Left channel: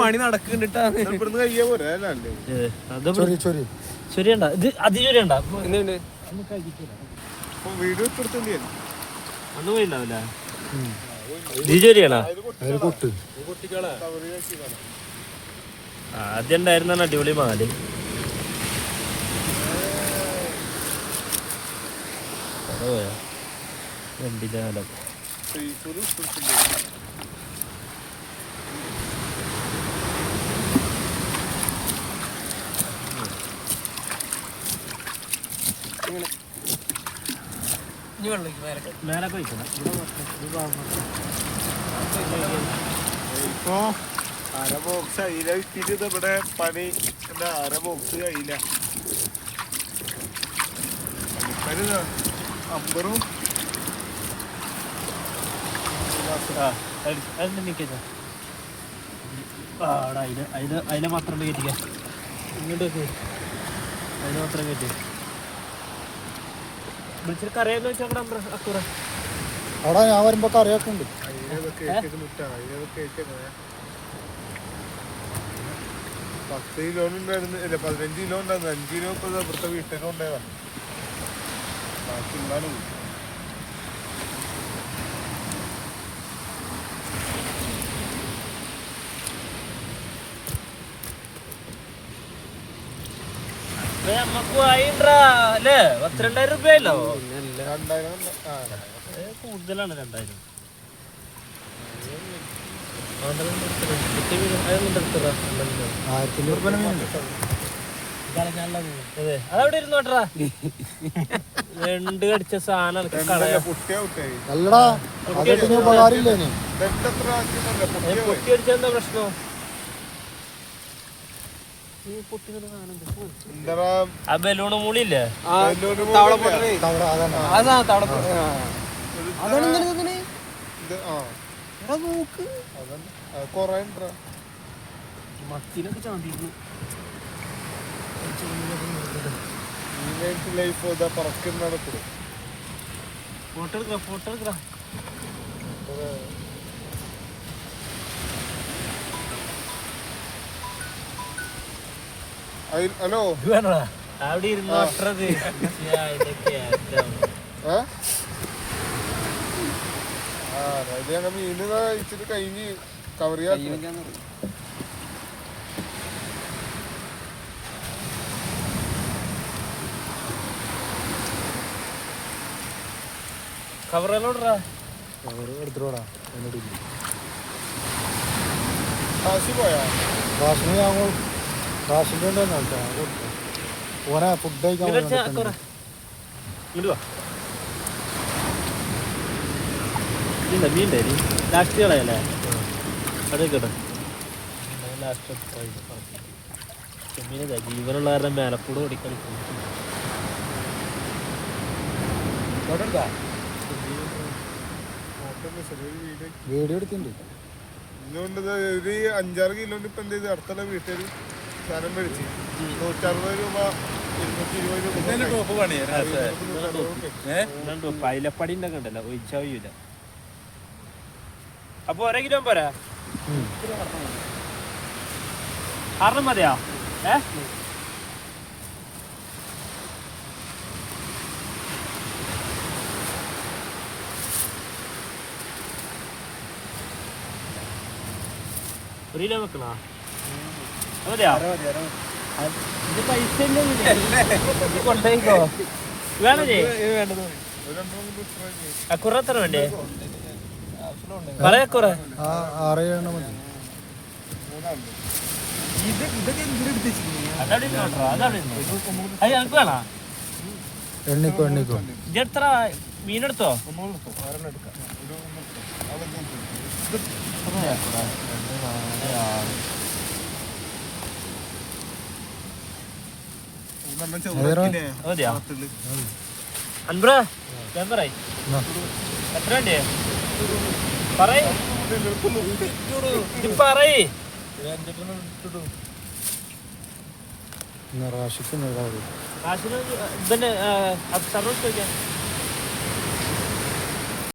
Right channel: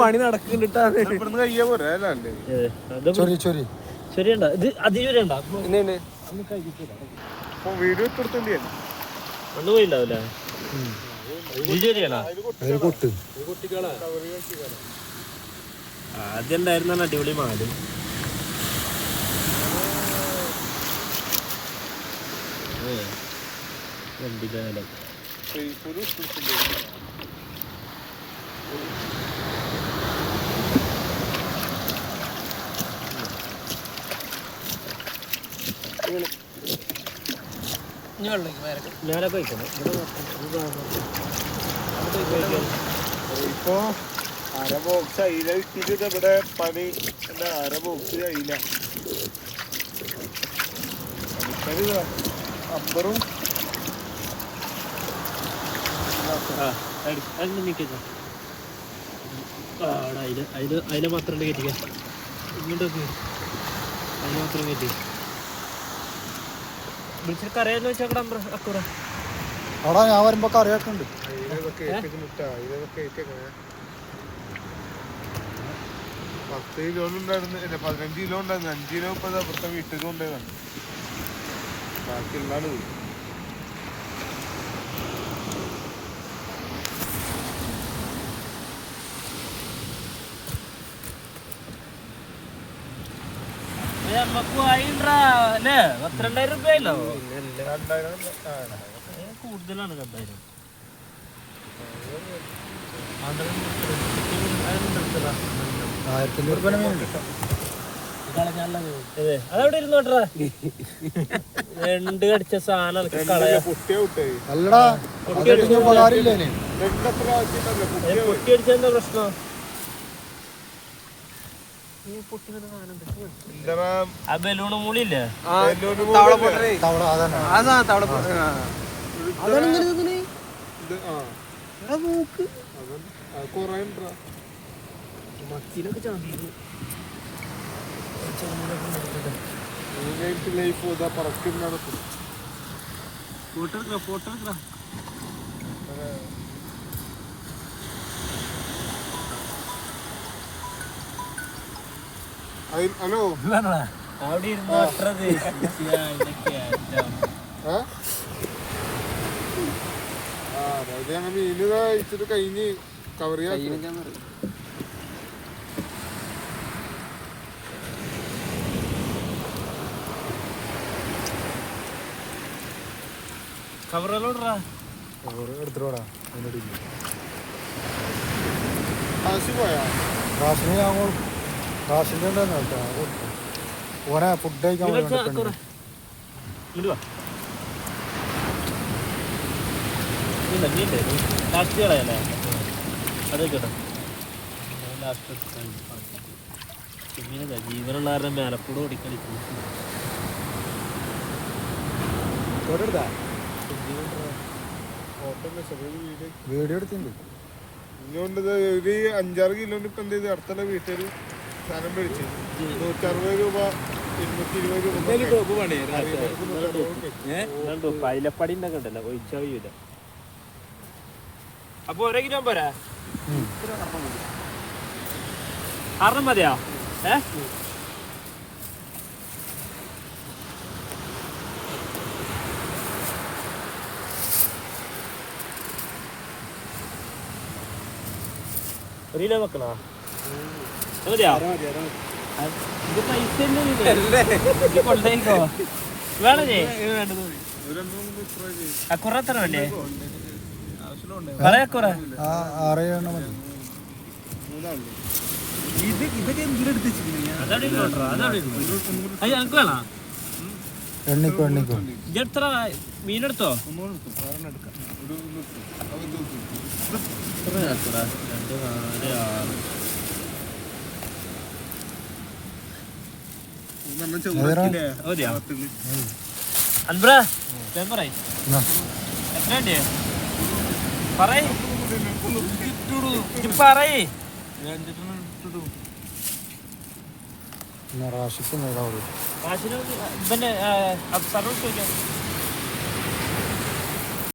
പണി നടക്കുന്നുണ്ട്. ഒന്നും പോയില്ല. ആദ്യം ഉണ്ടായിരുന്ന അടിപൊളി മാല്. മേലെ പോയിക്കണം. അര ബോക്സ് അയില ഇട്ടിട്ട് ഇവിടെ പണി അര ബോക്സ് അയില അമ്പറും അതിനെ മാത്രം കയറ്റിക്ക. ഇങ്ങോട്ടൊക്കെ അതിനെ മാത്രം കയറ്റി വിളിച്ചിട്ട് കറിയാന്ന് വെച്ചാൽ അക്കൂറ അവിടെ ഞാൻ വരുമ്പോ കറിയൊക്കെ ഉണ്ട്. 10 കിലോ ഉണ്ടായിരുന്നു, 15 കിലോ ഉണ്ടായിരുന്നു. 5 കിലോ ഇപ്പൊ ഇവിടുത്തെ വീട്ടിൽ കൊണ്ടേതാണ്. ബാക്കി ഉണ്ടാണ് നമുക്ക് അല്ലേ 12,000 രൂപയല്ലോ. 2000 കൂടുതലാണ്. 2000 അതവിടെ ഇരുന്നോട്ടാ. രണ്ട് കടിച്ച സാധനം അല്ലടാ, ഉപകാരമില്ലേ? പൊട്ടി അടിച്ചെന്താ പ്രശ്നം? ആ ബലൂണ് മൂളിയില്ലേ? മത്തിനൊക്കെ ചാണ്ടിരിക്കും. ഫോട്ടോ എടുക്കാം. ഹലോ, അവിടെ ഇരുന്ന് മീന് കഴിച്ചിട്ട് കഴിഞ്ഞ് കവർ ചെയ്യാൻ കവറോടാ കവർ എടുത്തിട്ടോടാ. റാഷിന്റെ ഓനെ ഫുഡ് കഴിക്കാൻ ലാസ്റ്റ് കളയല്ലേ? അതൊക്കെ ജീവനുള്ള കാരണം മേലക്കൂട് ഓടിക്കാൻ വീഡിയോ എടുത്തിട്ടുണ്ട്. ഇന്നുകൊണ്ട് ഒരു 5-6 കിലോ ഇപ്പൊ എന്ത് ചെയ്ത് അടുത്തുള്ള വീട്ടിൽ സാധനം മേടിച്ച് 160 രൂപ 220 രൂപ കൈലപ്പടിന്റെ ഒക്കെ ഉണ്ടല്ലോ, ഒഴിച്ചാ കഴിയൂല. അപ്പൊ 1 കിലോ പോരാ? 6 മതിയോ? ഒരു കിലോ വെക്കണോ? മതിയോ? ഇത് പൈസ കൊണ്ടോ വേണേ? അക്കുറത്ര വേണ്ടേ? മതി. എനിക്ക് വേണോ? എണ്ണിക്കോ ഇതെത്ര മീനെടുത്തോ? അൻബ്ര എത്ര പറയ് റാഷിക്ക് ഇതന്നെ സർവീസ് ചോദിക്കാൻ